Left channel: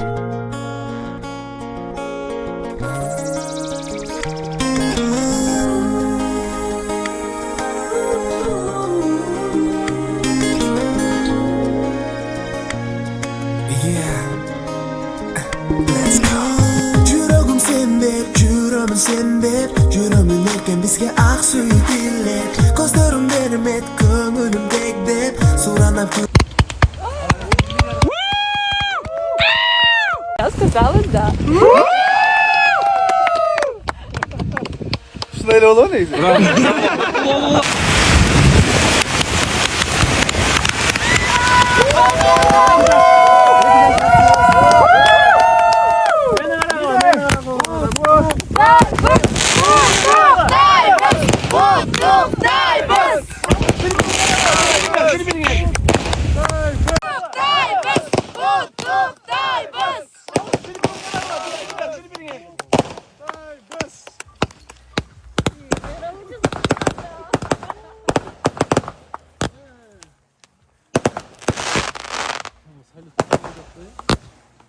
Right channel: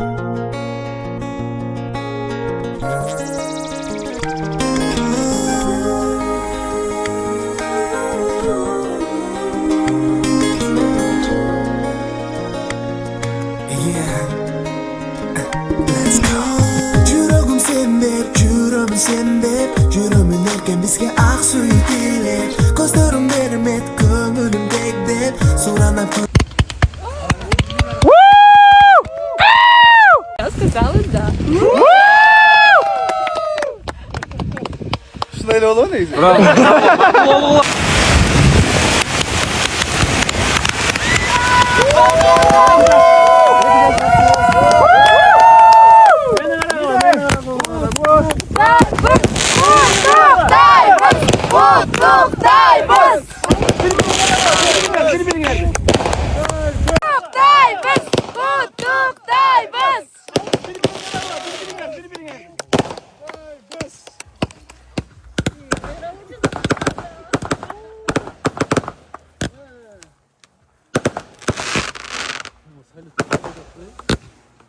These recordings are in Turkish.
Let's go. Yuragim sen deb, yuraman sen deb, yuraman erken bizga aqsuy dillab, ko'zlarim bermet ko'nglimdek deb, so'ranib Я сказала да. Şunayla olan neydi?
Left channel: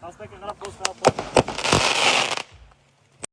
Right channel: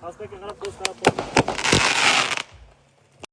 Aspetta che non posso